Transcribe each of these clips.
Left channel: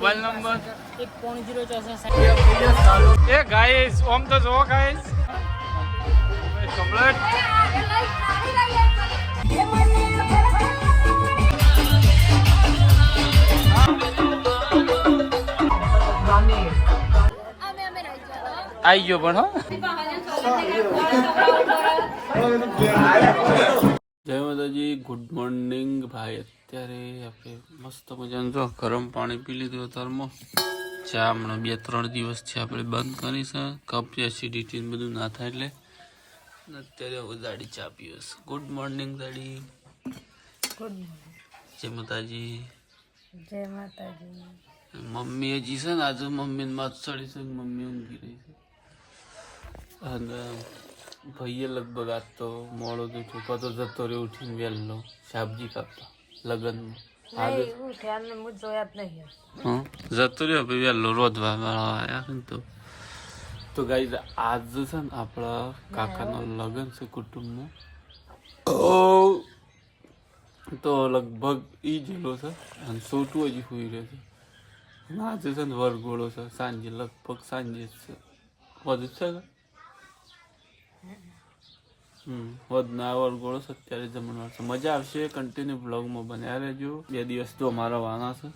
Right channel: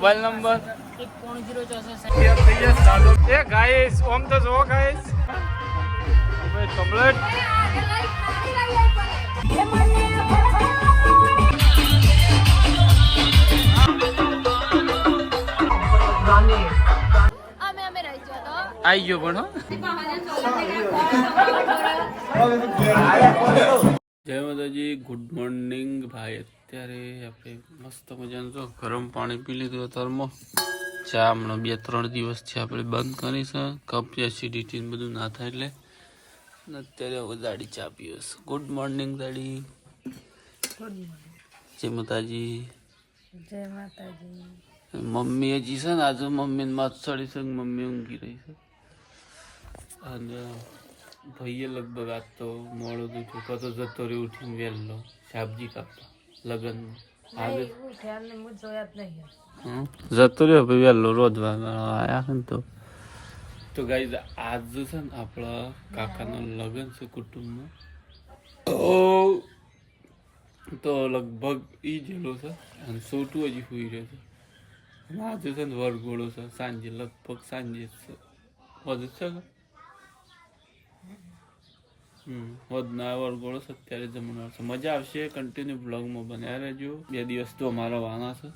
Mobile number 1.064 એ guys ઓમ તો જો guys complete आई गयो पण जय माताजी गुड मॉर्निंग भाई અત્યારે આપણે મસ્ત મજાનું જો ગરમ પાણી પી લીધું અત્યારમાં ચા હમણાં 2-3 દિવસ છે આપણે બંધ કરી છે કફ એસિડિટી બધું ના થાય એટલે અત્યારે હવે દાડી ચા પીએ છે ગુડ મોર્નિંગ દાડી જય માતાજી મમ્મી હજી છે ને આજે મમ્મીને માથ ચડી છે મમ્મી ઊંઘી રહી છે અને ભાઈએ લગભગ આજ તો મોડો તો છોકરો તો જતો રહ્યો ઉઠીને વહેલો શાકભાજી કાપતા લગ્નમાં આજે હા જતો રહ્યો ભાઈ વહેલો રોધવા આવ્યા ને તો ગાઈઝ આજ છે ને આપણા કાકાનો લગ્ન છે કુટુંબમાં તો લગભગ એ જેલો છે અને સોટું હજી સુઈ રહ્યો છે આજે છે ને વરઘોડો છે સાંજે લગભગ સાંજે જ છે વધુ છે વધના વરઘોડો છે અત્યારે જમણવાર છે મજા આવશે કન્ટિન્યુ બ્લોગમાં બન્યા રહેજો 2 દિવસ તો અમારા વાના છે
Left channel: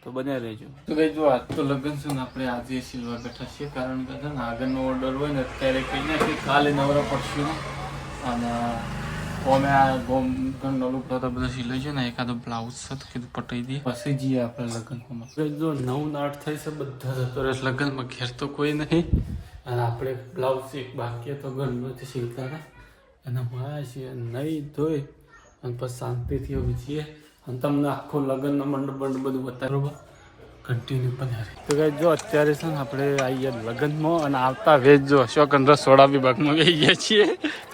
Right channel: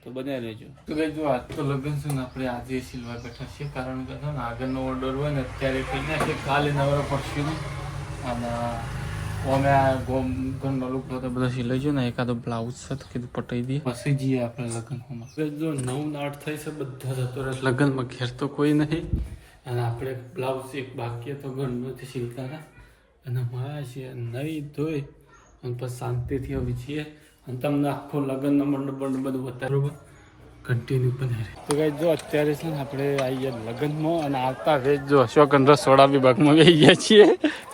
તો બન્યા રહેજો તો કઈ જો આજ તો લગ્ન છે ને આપણે આજે સિલ્વર બેઠા છીએ કારણ કે છે ને આગળનો ઓર્ડર હોય ને અત્યારે કહી નાખીએ કાલે નવરા પડશું ને અને અમે આ ઘરનો લુક હતા બધા સિલાઈ છે ને એકાદો બ્લાઉઝ છે તો કીધું પટાઈ દઈએ પછી જઈએ આપણે લગ્નમાં જો 9-8 થઈ છે બધા જતો રહે લગ્નમાં ઘેર તો કોઈ નહીં અને આપણે બ્લાઉઝ એક બાકી તો ઘરમાંથી સિલતા હતા અને મારા છીએ નહીં ધોઈ અને પછી શાંતિથી હવે છીએ અને તમને આખો લગ્નનો મંડપ બધું બતાવે બરોબર કન્ટિન્યુ પણ તો કઈ જો અત્યારે છે ને આપણે આવી ગયા લગ્નમાં અને આવતા વેજ જો અશોક રસોડા વિભાગમાં ગઈ ગયા છીએ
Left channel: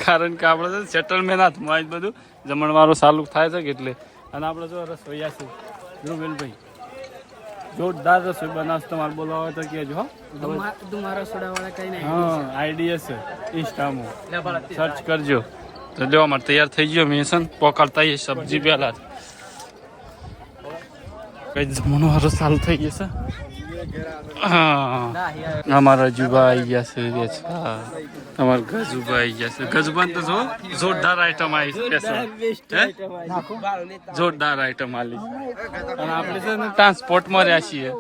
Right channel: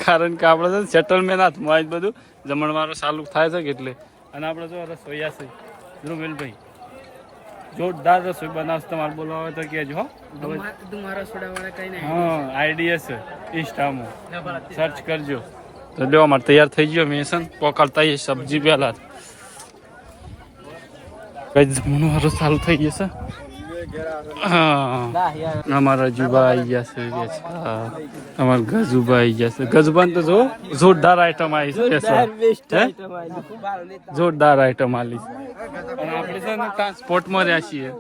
કારણ કે આપણે છે સેટલમેન્ટ હાથમાં આવી બધું જમણવારો ચાલુ થાય છે કે એટલે અને આપણે જો રસોઈયા છે ધ્રુવેલભાઈ જોરદાર રસોઈ બનાવશે તમારે બોલવા હોય તો કહેજો હો હા આઈડિયા છે ઇન્સ્ટામાં સર્ચ કરજો તો લેવા માટે તૈયાર થઈ ગયો મેં છે ને પકડતા એ સબ્જી પહેલા કઈ જમણો હારો ચાલુ થઈ ગયો છે હા અમારા જુબા આવી ગયા છે અમારા ગજુબા આવી ગયા છે ગજબાન તો જો જોરદાર આઈટમ આવી છે જોરદાર આઈટમ આવી છે અને આપણે છે ને ટ્રાન્સપોર્ટમાં રહ્યા છીએ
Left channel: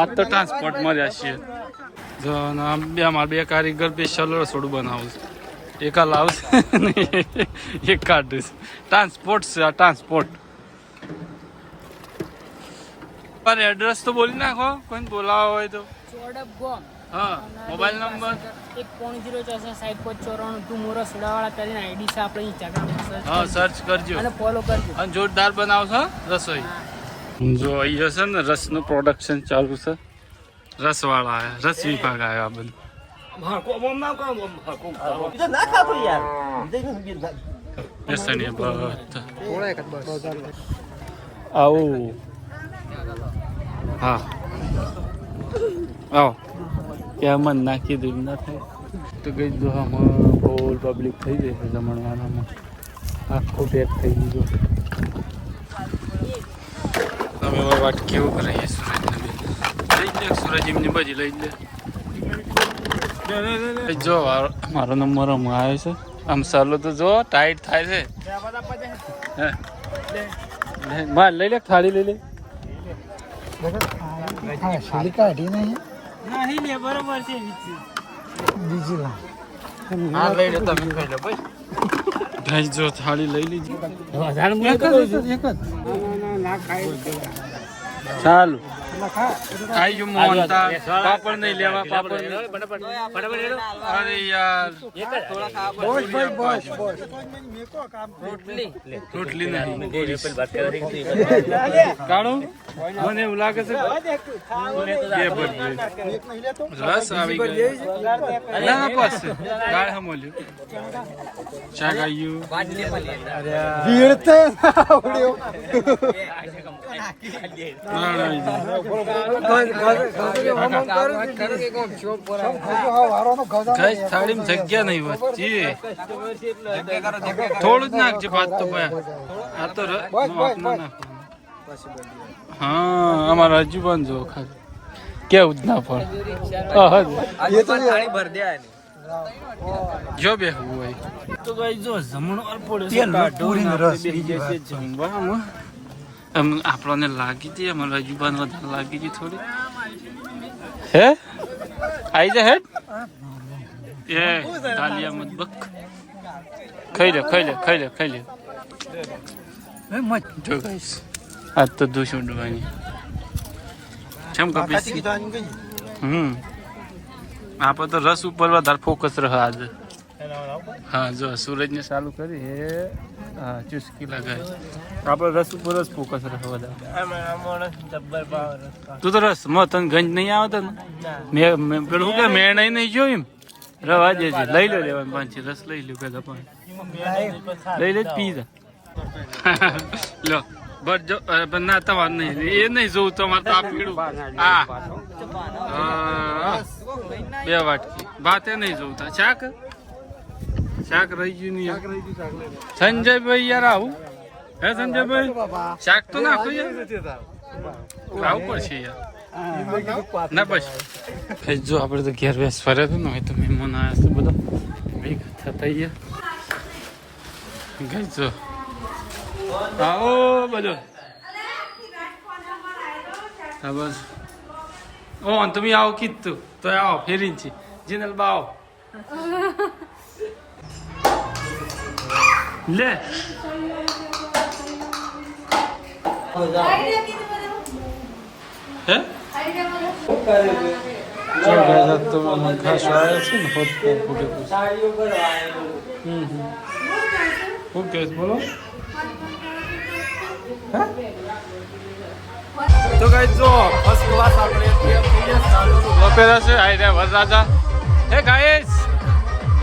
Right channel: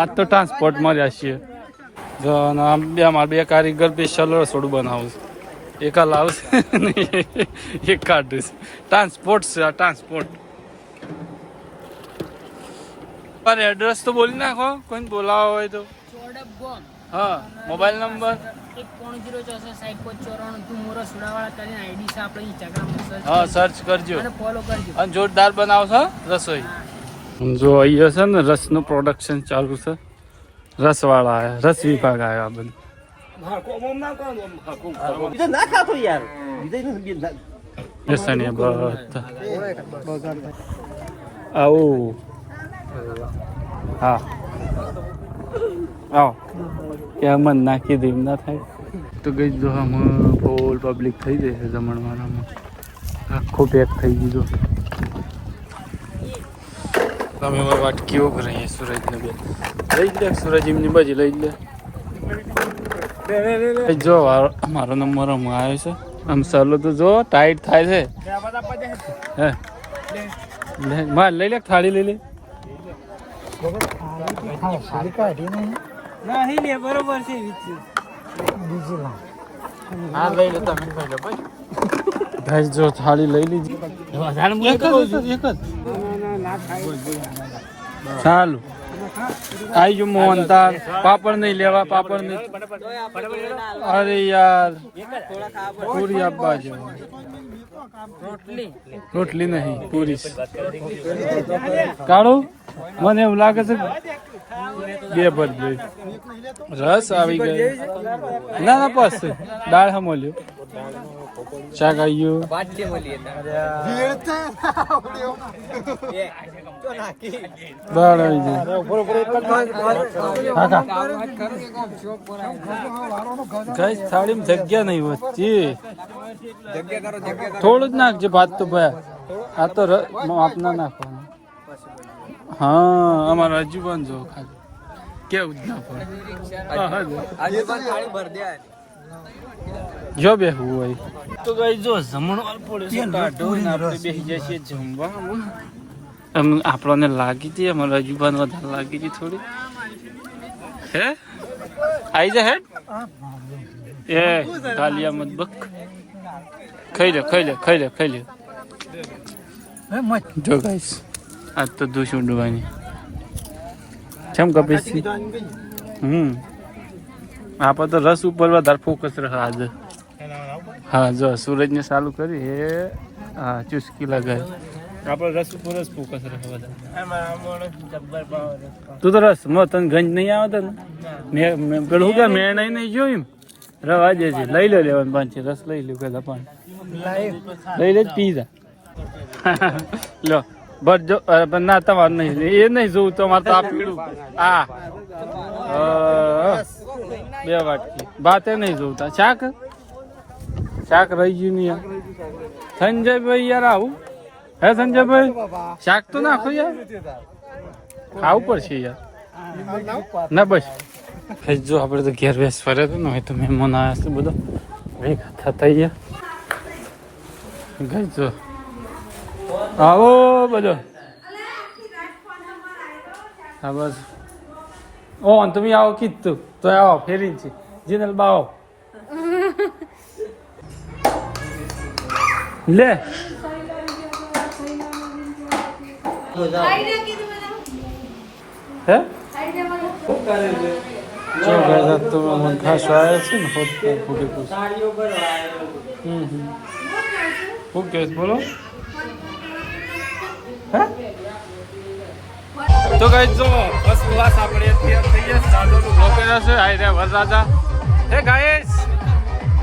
આજ તો ટ્રાન્સપોર્ટમાં રહ્યા છીએ જો આમ બે અમારા 2 કારીગર સ્પેશિયલ રસોડું બનાવું છે એક આ લાવશે એક કાઢું છે ટ્રાન્સપોર્ટ છે આ ટ્રાન્સપોર્ટ અરે એડ્રેસ તો બોલી નાખો કોઈ બોલાવો હોય તો હા મોબાઈલ નંબર 1.064 હા સર્ચ કરજો અને જોરદાર બનાવશો રસોઈ જો અહીંયા છે ને રસનું પ્રોડક્શન ચાલુ છે રસવાળા આવ્યા રસ વિભાગ આવ્યો આ બધું આવું હા આવો ત્યાં મન નાખી દે ના થાય તો ગઈ જો આમાં ફૂલ પબ્લિક થઈ જશે જમણવારામાં આખો પેક થઈ ગયો કેવું કરીએ સુરજને બે લઈ લે સુરજ એમની બાજુ લઈ લે જો આમ સાલો તો જો ટાઈટ થાય છે હા લઈ લે થાળી લઈ લે બરોબર છે જો થાળી લઈ લીધી ચાલો आई जो मोहनता पापड़ नहीं लेवा पापड़ नहीं अरे यार पूरी आप बाजू रोटली नहीं पूरी काढ़ो મને એવું લાગે છે બે ભર દે રસ આવી ગયો ના ના બસ દાળ હમોલ્યો ચા ગાયો ભીડ તે આવડ્યો દાળ આવી ગઈ ગઈ થાળીમાં જગ્યા નહીં વચ્ચે થોડું જ નાખજે ભાત તો ભાઈ આ તો આપના નાખવાનું હા અમારા હજુ પણ જો ખાલી કેવું જ ના પણ જો બેહવું હોય તો કઈ જો જમણવાર પડે કાઢો ને આપણે બેસી જાય છે જમવામાં. આપણને લાગી હતી અમારા હજુબાન વધારે લાગી હતી થોડી. હે આવી જા હેડ એ ગાલિયા મત બક ખાઈ લે ખાઈ લે ખાઈ લે ખાઈ લે. જો ગાઈસ આજ તો દૂષણ ડુવાની કેમ કપીશ. આપણે તો રસ ઉપર વધારે ફોકસ રહે આજે. હા જો સૂરજ ને ચાલુ કરી હે હા ચુસ્કી લગાય આપણે રસ ઉપર જ ફોકસ રહે વધારે. તું તો રસ માં તને ગંજ નહીં આવતો ને મેં પેલું કે મેં નહીં જોયું એમ રવા દે છે લઈ લો લેવાનું પાંચ રસ લઈ લો પેલા પાંચ લઈ લે પી જા લો બટ જો ના તમારે નહીં એ નહીં જોવું તો અમારે તો આ પીડું આ બે વાટકી ભાતે નહીં જોવું તા શાક શાક રહી ગયું નહીં સંજયભાઈ યાર આવું હે સંજયભાઈ શાક તો નાખો યાર ખાવું પડશે યાર ના બસ જો આપણે તો ઘેર વેસ ફરે તો ને હોય તો મહેમાન આવ્યા છે બધો થતા ગયા જો આવો બધો હા બસ ઓ તમે આવો કીધું તો આવો ફેરી છે જીનલ બાવો લે હે તો ખાસ આવ્યો છે ને ઓકે બોલો તો કઈ જો ફર્સ્ટ ક્લાસ આપણે અત્યારે થઈ ગયા સાદોનું ગોપેરા છે આઈ રે વરરાજા હે ગાઈસ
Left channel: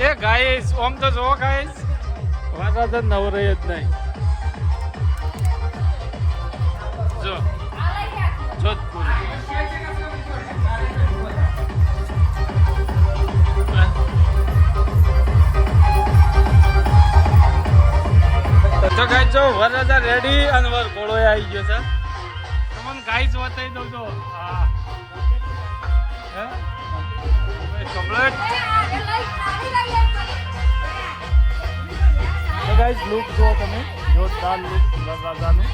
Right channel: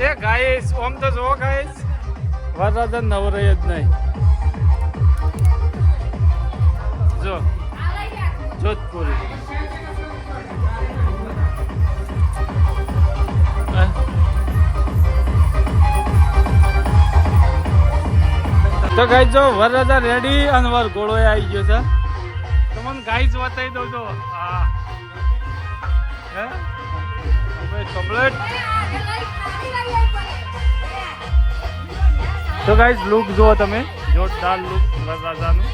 એ ગાઈસ ઓમ તો જો ગાઈસ વરરાજા નવરે જ નહીં જો જોધપુર તો ગાઈસ જો વરરાજા રેડી અને વર ગોળો આવી ગયો છે. તમને ગાઈસ બતાવી દઉં તો હા હે કમ્પ્લીટ. તો ગાઈસ લુક જુઓ તમે જોરદાર લુક વરરાજાનું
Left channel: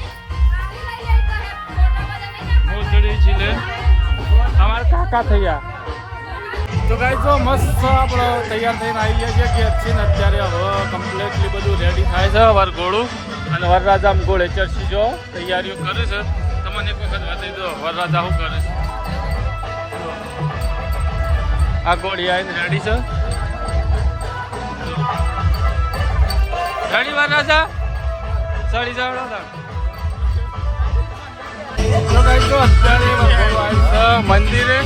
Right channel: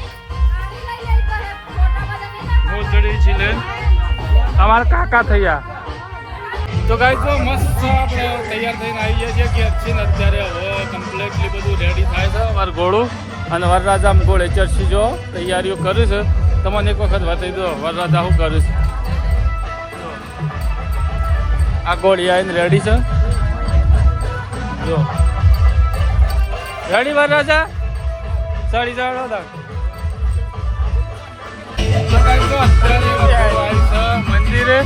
મોજડી છે અમારા કાકા થયા. તો ગાઈસ જો મસ્ત આપણે તૈયાર થઈને આવી ગયા છીએ કે છે ને અત્યારે હવે કમ્પ્લીટલી બધું રેડી થાય છે વાર ઘોડું અને વરરાજા ઘોડે ચડશી જો તૈયારીઓ કરે છે. તમને એક વખત બતાવી દો વરરાજા શું કરે છે. જો આ ઘોડી આવીને રેડી છે જો રેડી વરરાજા ચડી જાવ અત્યારે મંદિરે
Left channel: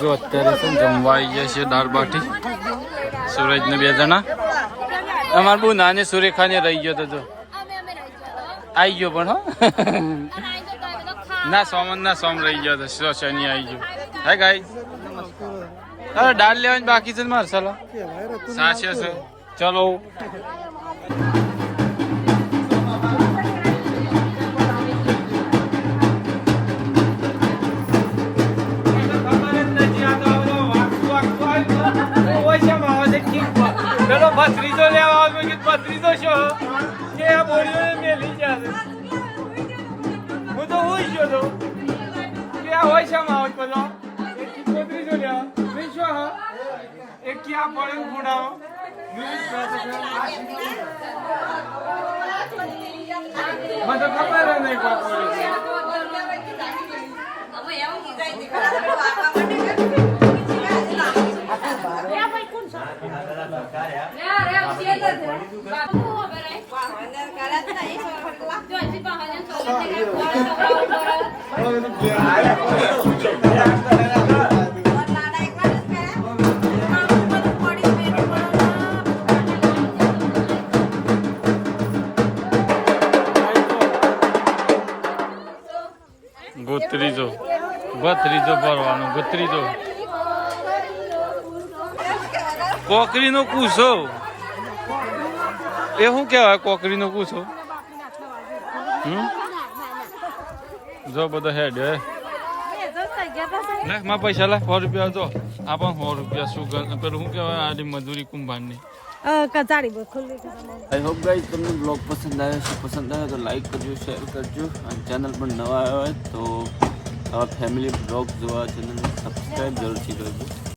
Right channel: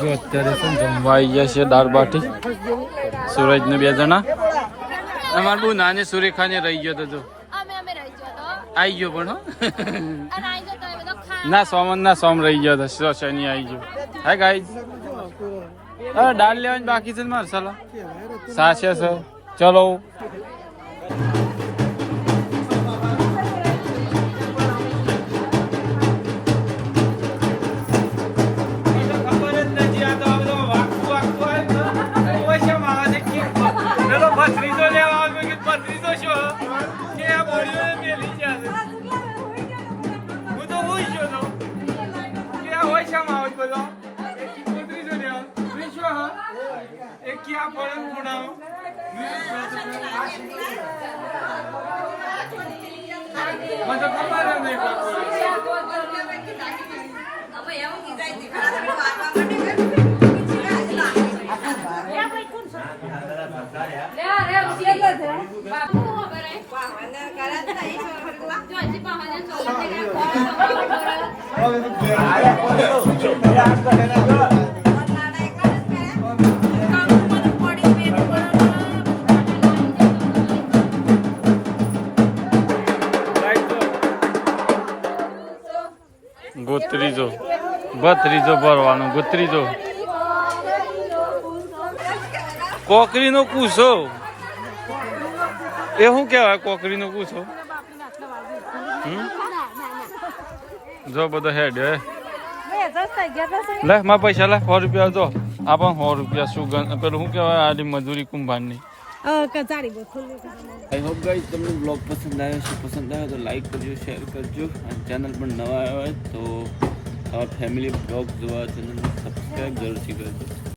જો અત્યારે છે ને જમવા આવી ગયા છે દાળ બાટી સુરજ ને 2 જણા અમાર બહુ નાની સુરેખા ને રહી ગયો તો જો આવી ગયો પણ હો ના સોમન ના સોમ રહી ગયો તો શનિ આવી ગયો હે ગાઈસ અરે દાળ લેવાની બાકી છે ને મારે ચાલો સાચે છે ચલો क्या पड़े खुड़ा मतलब खबर नहीं ગોત્રીજો ભત્રીજો ભરવાનો ગોત્રીજો કોકરીનો કૂસો એ શું કહેવાય કોકરીનો કૂસો જો બધો હેડ હે લે મારા પૈસા લે 100 રૂપિયા જો આ પણ 100 રૂપિયા શું પેલું શું કહેવાય આડી મજૂરી કુંભારની આઈ હોપ ગાઈસ તમને બ્લોગ પસંદ આવ્યો તો લાઈક કરજો શેર કરજો અને ચેનલ પર નવા આવ્યા હોય તો આવા ફેમિલી બ્લોગ જોવા ચેનલ સબસ્ક્રાઈબ જરૂરથી કરજો.